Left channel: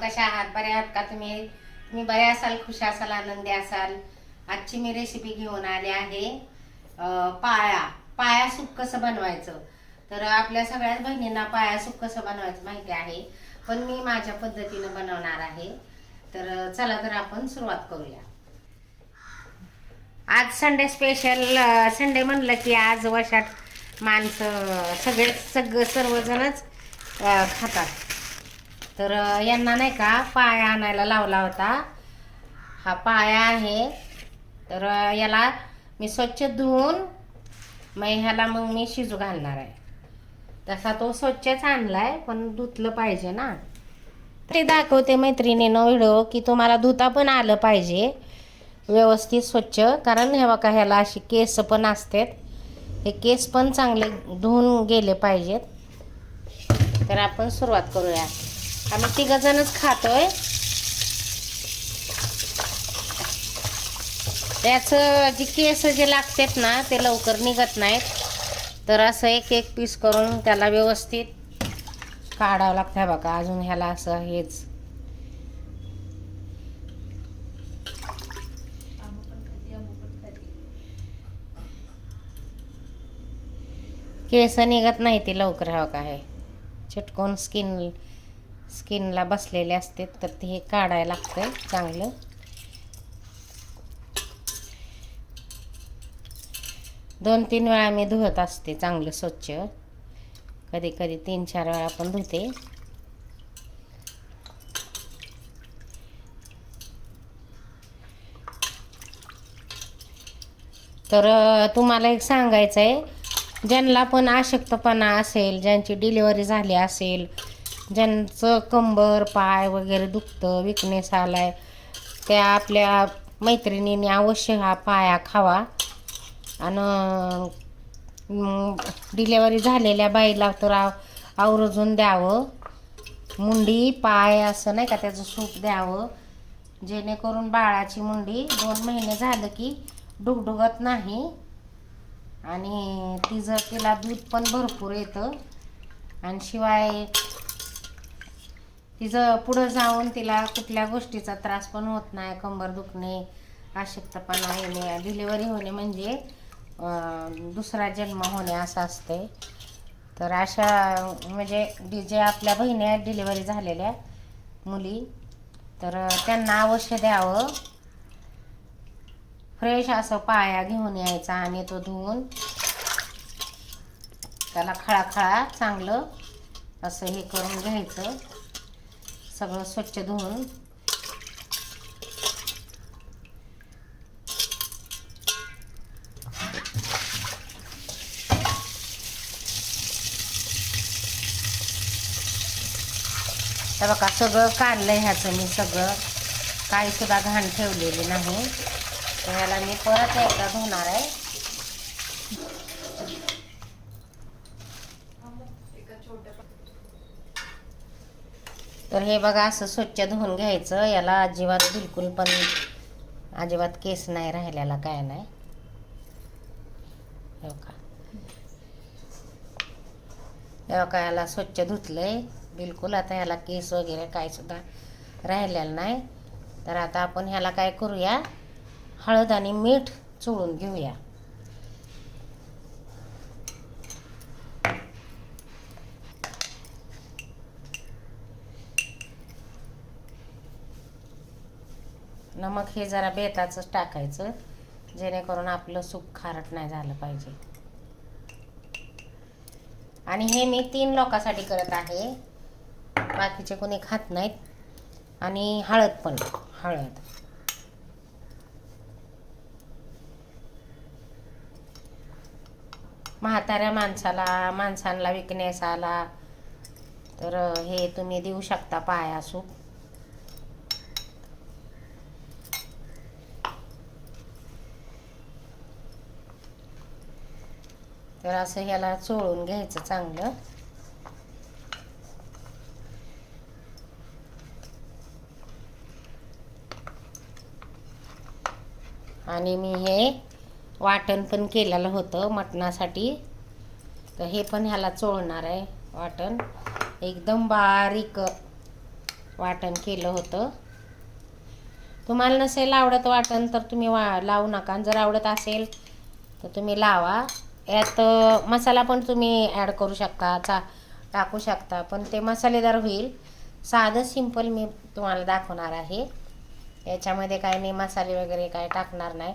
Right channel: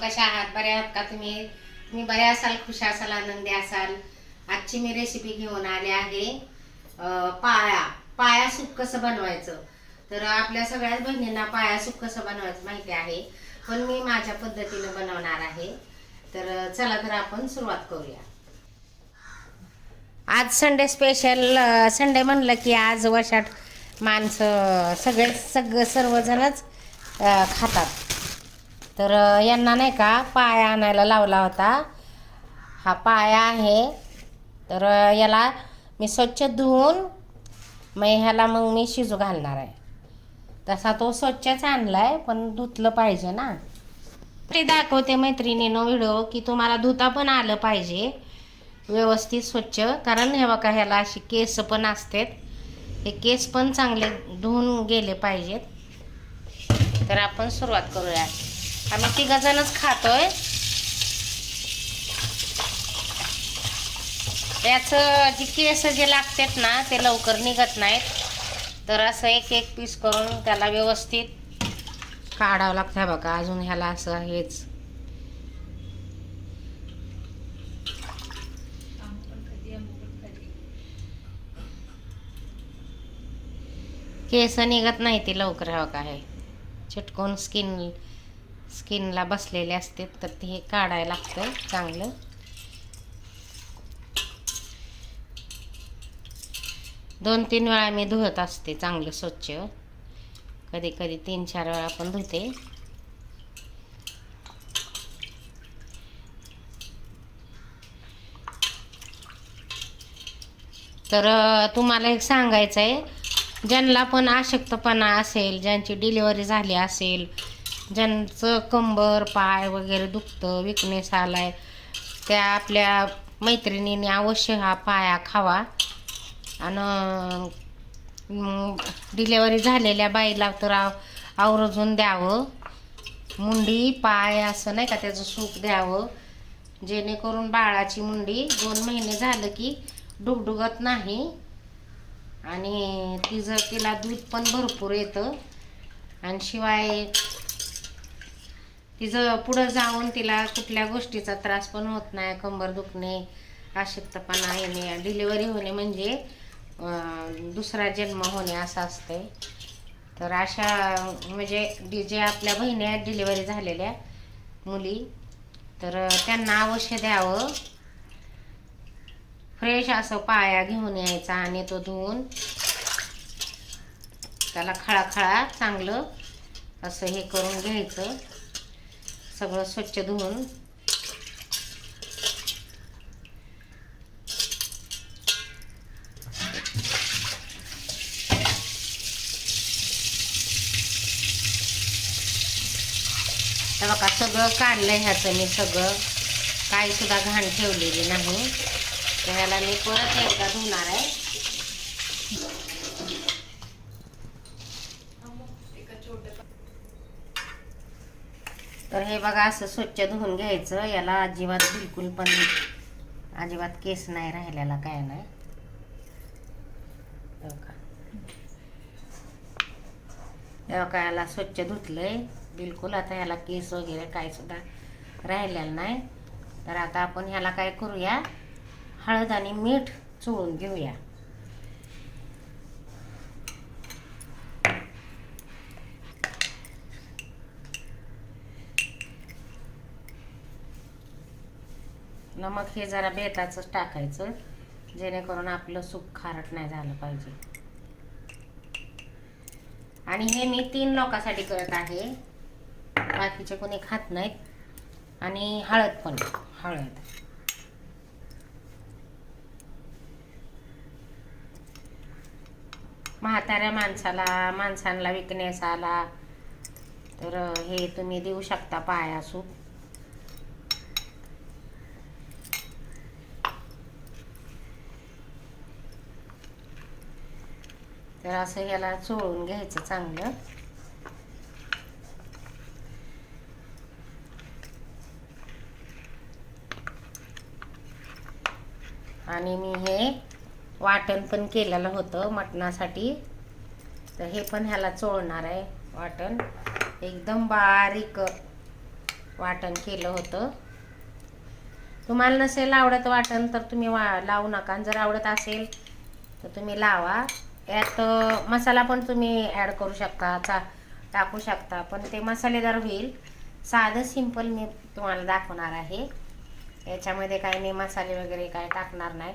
कशा आहात? बरे आहात का तुम्ही? तुम्ही बरे असाल, खुश असाल, आनंदी असाल. आजची मी रेसिपी घेऊन आले आहे पाया सूप कसं बनवायचं. तर आपल्या सगळ्याच बहिणींना पाया सूप कसं बनवायचं माहिती आहे, पण मी माझ्या पद्धतीनं बनवणार आहे. तर चला तर आपण सुरुवात करूया. आज संडे स्पेशल. संडे म्हणलं की आज वशाट माणसं सर्वजणच खातात. तर यांना नाही का पाया आणायला लावला होता. हा पाया आहे. तर याला मी स्वच्छ धुवून मग मी शिजू घालणार आहे. तसा तो स्वच्छच आणलाय, पण धुतलं पाहिजे ना. ते दाखवते मैत्रिणीनं व्हिडिओ की तुम्हाला धुता पण आलं पाहिजे व्यवस्थित स्वच्छ. कारण हे बघा, ह्याला अशी केस पण असतात. हे केस पण चांगले धुवून गेले पाहिजेत. तर आपण सुरुवात करूया. आम्ही तिघजणच खातोय. त्याचं जी केस जे लागतात ना, ते लवकर निघत नाहीत. तर असं एक एक पीस करून त्याला व्यवस्थित काढावं लागतं. बघा, अजून ह्याला असं हेच केस निघत नाही ते लवकर. हवं का आहे चिटकून स्किनला बसलेले असते. तर ते हे काढायला लागतं चांगलं. दोन तीन वेळा मी धुवत असते चांगलं स्वच्छ. कधी कधी 3-4 वेळा पण धुते. तर तुम्हाला एक सांगायचं आहे, ज्यांना पण अशक्तपणा असेल, ज्यांची डिलिव्हरी झाली असेल, ज्यांचं कंबर पाय वगैरे दुखतं, विकनेस आलाय, त्या आपल्या मैत्रिणींनी अवश्य हा पाया खावा. आणि डिलेवरी झालेल्या बाईला तर आवर्जून द्यावं. मुंडी पाय असं नाही का, त्याचं सूप द्यावं, जेणेकरून बाळाची मुंडी 2 महिने झालं की डुगडुगत नाही. आणि तिला दूध पण भरपूर येतं. आणि शिवाय तिचं पुढं जाऊन तिला कुठल्या गोष्टीचा त्रास पण होत नाही. कंबर दुखणे, अशक्तपणा येणे, डिलिव्हरी होणे म्हणजे दुसरा जन्म होणे असं असतंय. तर अशा म्हणजे जे आपल्या बहिणी आहेत डिलिव्हरी झालेल्या मुली, तर त्यांना अवश्य द्यावं. फ्रेश असं पाया घेऊन यायचा आणि तो धुवून त्याला खळाखळा चांगलं असं हे करून घ्यायचं, सगळं स्वच्छ धुवून. तर बघा, सगळं काढलं ह्याचं मी, सगळं काही सुद्धा घाण ठेवलेली नाही. तर ह्याला मी परत एकदा धुणार आहे. तर हे बघा, असं स्वच्छ धुवून घ्यायचं. याला बिलकुल पण अजिबात केस नाही राहिलेला, काय नाही. हे बघा, याला स्वच्छ धुतलंय बिलकुल. आता ह्याला केस वगैरे काय सुद्धा राहिलेलं नाही. तर आता आपण ह्याला काय करूया, हळद आणि मीठ चोळून घेऊया. नमक हे जरा बेताचंच टाकायचं, जेणेकरून आपलं सूप खारट नाही झालं पाहिजे. आणि हे मी 3 लोकांसाठी करत आहे, बाकीचे कोणी खात नाहीत. आणि हळद म्हाताऱ्या माणसांना विकनेस आला तर हे तुम्ही देऊ शकता पाया सूप. तर असं ह्याला चोळून घ्यायचं चांगलं. आणि मी हे वाटण पण केलेलं होतं मटणासाठी, तर हे पण ह्याला चोळणार आहे वाटण. एकदम बारीक वाटण केलं होतं. तुम्हाला नसेल आवडत वाटण तर तुम्ही लावू नका. जर आवडत असेल तर तुम्ही लावा. यात मसाला पण तुम्ही ॲड करू शकता, टाकू शकता, पण ते मसालेदार होईल. साधं सिंपल मी तुम्हाला दाखवणार आहे. याच्यामध्ये काही मी मसाले वगैरे काय टाकणार नाही.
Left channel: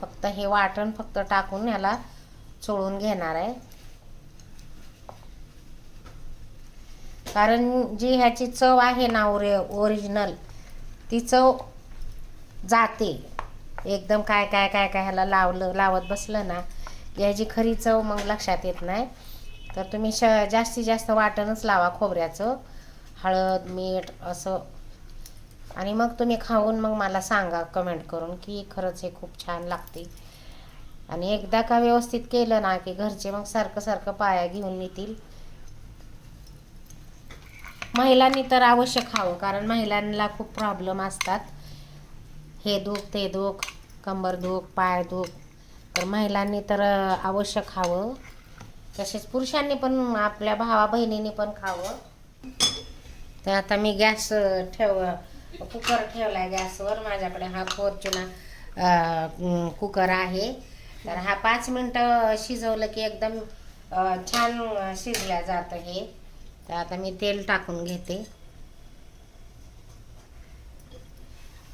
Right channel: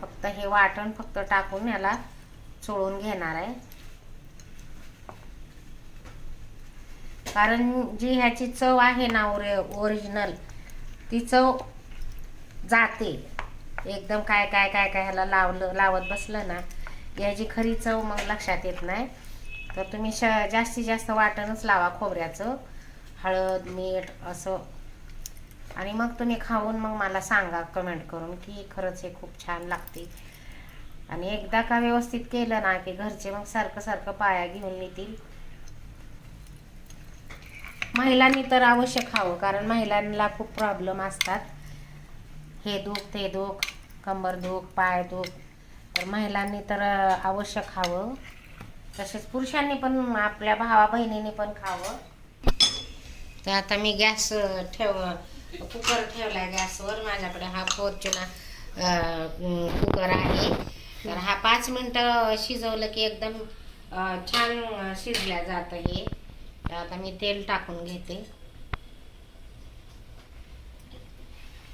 फक्त हे वाटण फक्त टाकून याला चोळून घेणार आहे. कारण जी ह्याची चव आहे ना ओरिजिनल, ती चव जाते. एकदम काय काय काय काय ह्याला लावत बसलं ना, याची खरी चव मग लक्षात येत नाही. तर तुम्ही जास्तीत जास्त वाटणच लावा खोबऱ्याचं, हळद मीठ असं. आणि मग तुम्ही खाऊन मग मला सांगा कमेंट करून की खरंच हे खूप छान लागते. आणि एकदा का व्यवस्थित केलं ना की घरचे मग सारखं सारखं पाया घेऊन येतील. महिलांनी तर अवश्य खावं, कारण महिलांना खूप प्रॉब्लेम असतात. हे दुख ते दुख, कंबर दुख, पाय दुख. तर महिलांनी तर अवश्य खावं. तसेच पुरुषांनी पण, आपल्या भावा बहिणींनी पण खावं. तर आता मी गॅस कुकर ठेवला आहे गॅसवर. माझ्याकडे हा फॉर्च्युनर कुकर आहे. तर हा 5 मिनटं शिजवलं की एकदम छान शिजल्या जातं हे. तर आता मी तेल टाकून घेते.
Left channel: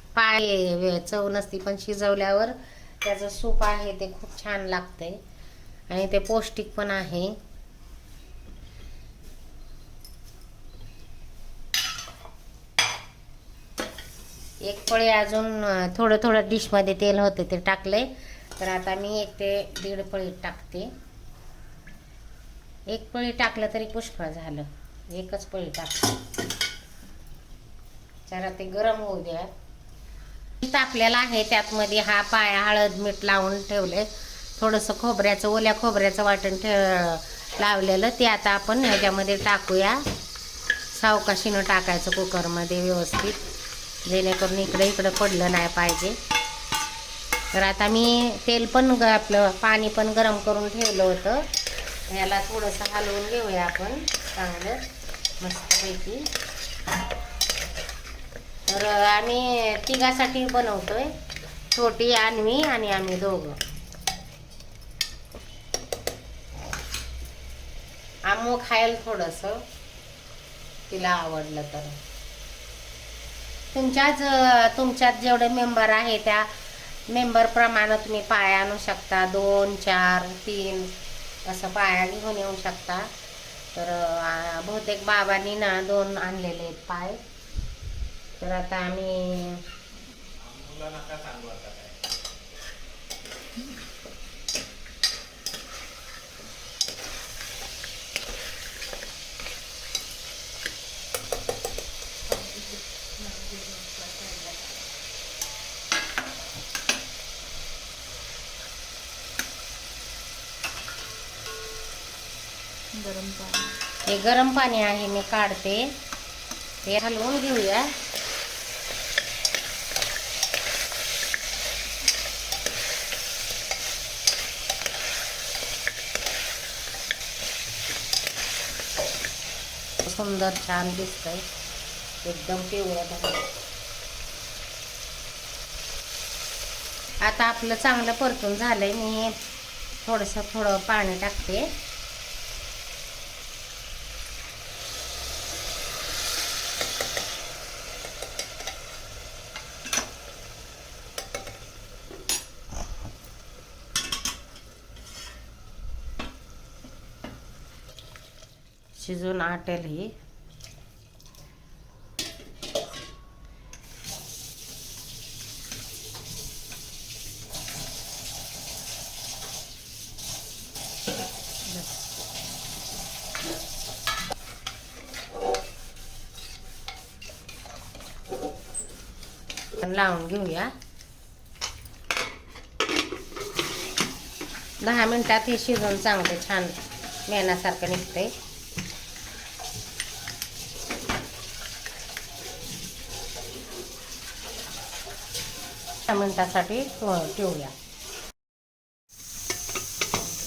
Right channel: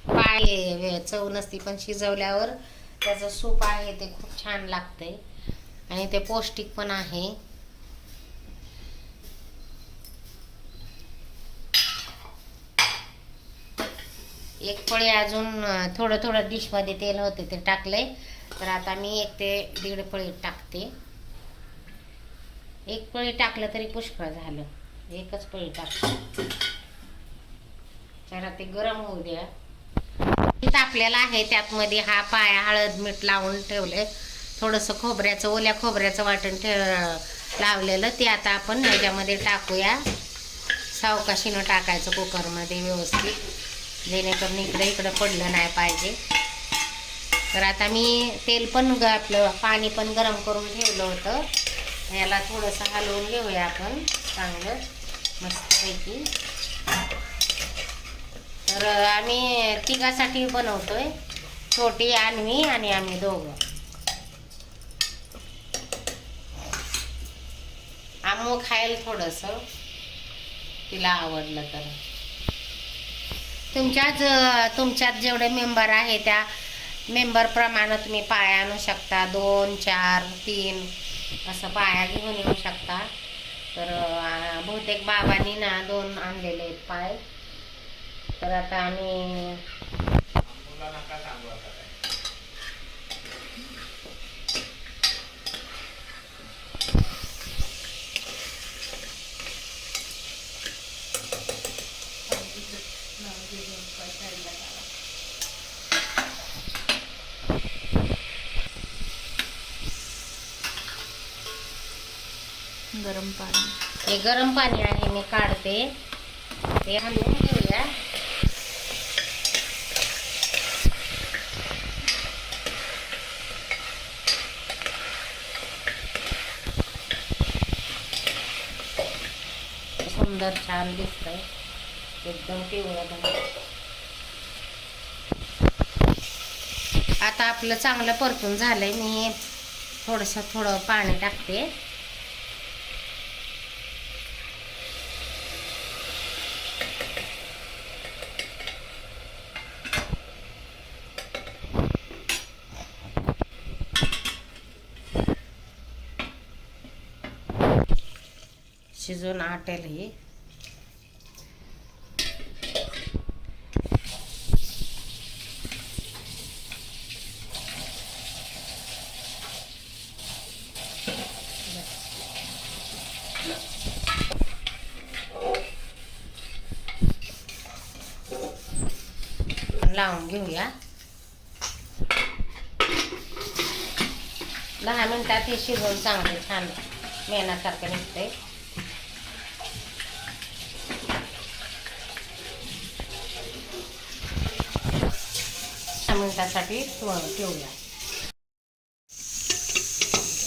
पाय चव नसती, पण शिजवल्यावर त्याचं सूप आहे ते खूप छान लागतंय आणि ते पौष्टिक पण आहे. एक पळी अजून थोडं थोडं डिशमध्ये तेल होते ते टाकले. तर आता मी 1 ते 1.5 पळी टाकते. 1 पळी टाकलं तरी पुष्कळ झालं. 1च पळी टाकते. जरा ते गरम होऊ द्या. टाकलेला आहे त्यातमध्ये हा पाय हळद मीठ लावून ठेवले. थोडंसं ओल्या खोबऱ्याचं वाटण लावलेलं ते आता आपण ह्याच्यामध्ये टाकूया. सावकाशीनं टाकायचं कुकरमध्ये व्यवस्थित, जेणेकरून इकडे पडलं नाही पाहिजे. तर आता मी तेल पण आपलं पाणी पण गरम करून ठेवलं होतं. याला थोडंसं हलवून घेऊया आपण चांगलं मस्तपैकी. तर आम्ही तिघासाठी बनवतोय, छोटी अन्वी आणि आम्ही दोघं. आम्ही खायला थोडंसं तिला आवडलं तर. तुमच्यात जेवढे मेंबर आहे त्या मेंबरप्रमाणे तुम्ही पाया आणू शकता. 2, 4, 3 असं पाया घेऊन येऊ शकता. तर बहुतेक बाबांनी ना 2 आणलेले आहेत पाय. तर आता आम्ही हे गरम पाणी आहे मी काढते. ते हलवून घेऊया. सुंदर छान दिसतंय एकदम पिवळं. आता आपलं चांगलं परतून झालंय. मी थोडं पाणी टाकते. शिजून आटेल ही. लावून घेऊया. 10 मिनिटात हे शिजून चांगले छान मेणासारखं निघतंय. 10 मिनिटासाठी ठेवूया.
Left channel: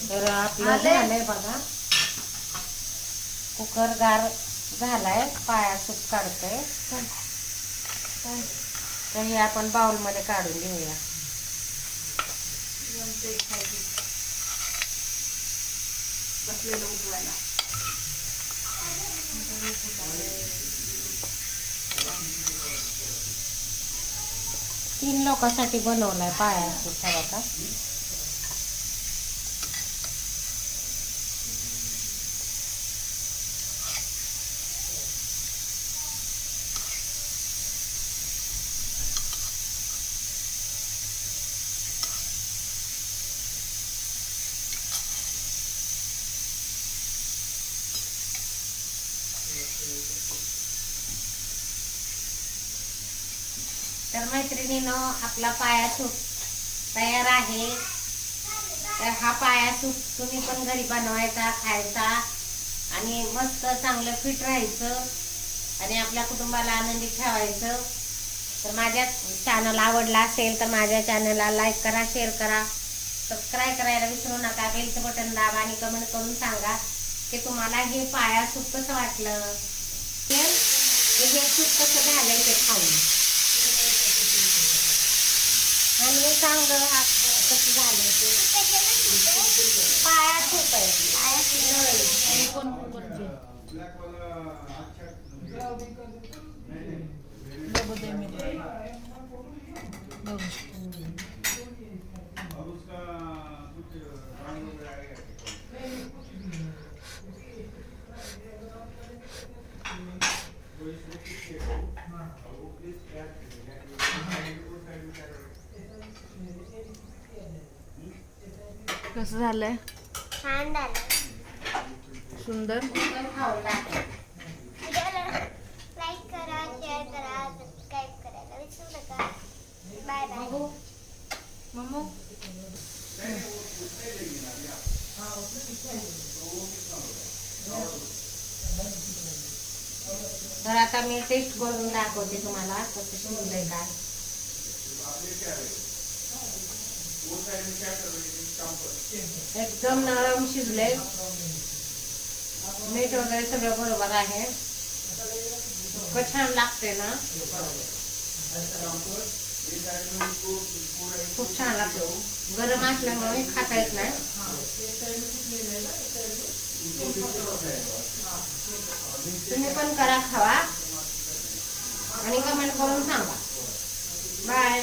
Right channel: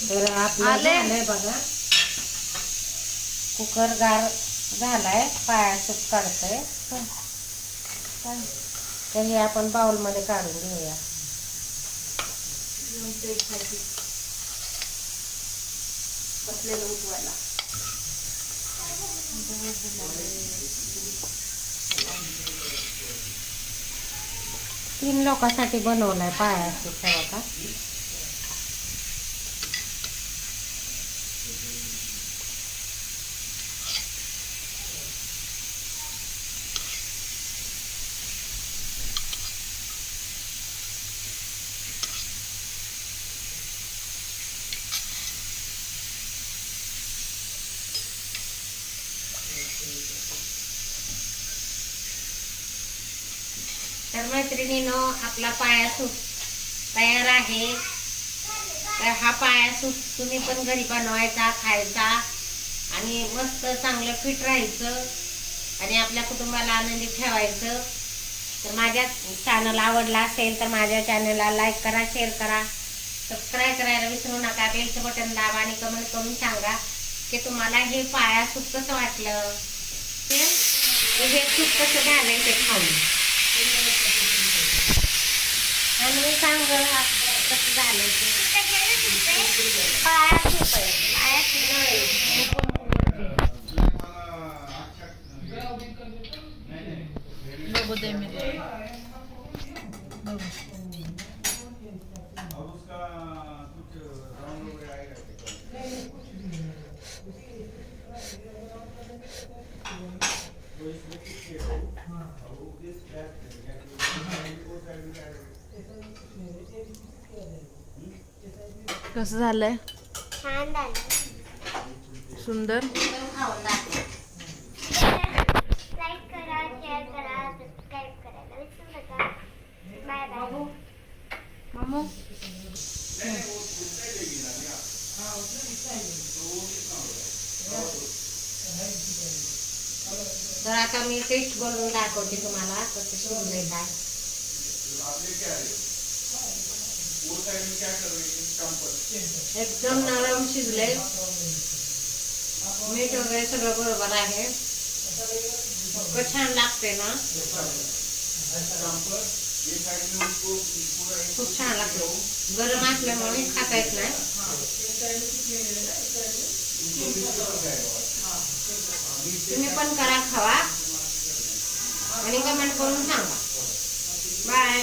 तर आपलं झालंय बघा. कुकर गार झालाय, पाया सूप काढतोय. तर हे आपण बाउलमध्ये काढून घेऊया. बसलेलं उठवायला. 3 लोकांसाठी बनवलाय पाया सूप आता. तर मैत्रिणीनो, आपला पाया सूप तयार आहे. तर हा पाया सूप तुम्ही पण घरी बनवायचा, खायचा आणि मस्त चांगलं फिट राहायचं आणि आपल्या कुटुंबाला आनंदी ठेवायचं. तर माझ्या चॅनल आवडला असेल तर माझ्या चॅनलला लाईक करा, शेअर करा, सबस्क्राईब करायला विसरू नका. बेलचं बटन दाबा आणि कमेंट करून सांगा की तुम्हाला हे पाया सूप कसं वाटलं. हे सूप कसं झालंय ते खाऊन आणि सांग कसं झालं ते. पाया सूप आहे, पाया सूप. बघू दे मी बघू. कसं झालंय? छान झालं. सुंदर. खाऊन दाखव. लाईक करा, शेअर करा, सबस्क्राईब करायला विसरू नका. Bye bye. बघू मम्मू. तर आता मी टेस्ट करून दाखवते तुम्हाला कसं शिजलंय काय. एकदम नरम शिजलंय. मीठ वगैरे सगळं बरोबर आहे. इतकं छान लागते ना, खूप छान लागते. गरम असल्यामुळे खाता येत नाही. तुम्ही पण करा, खावा आणि कमेंट करून सांगा. बाय.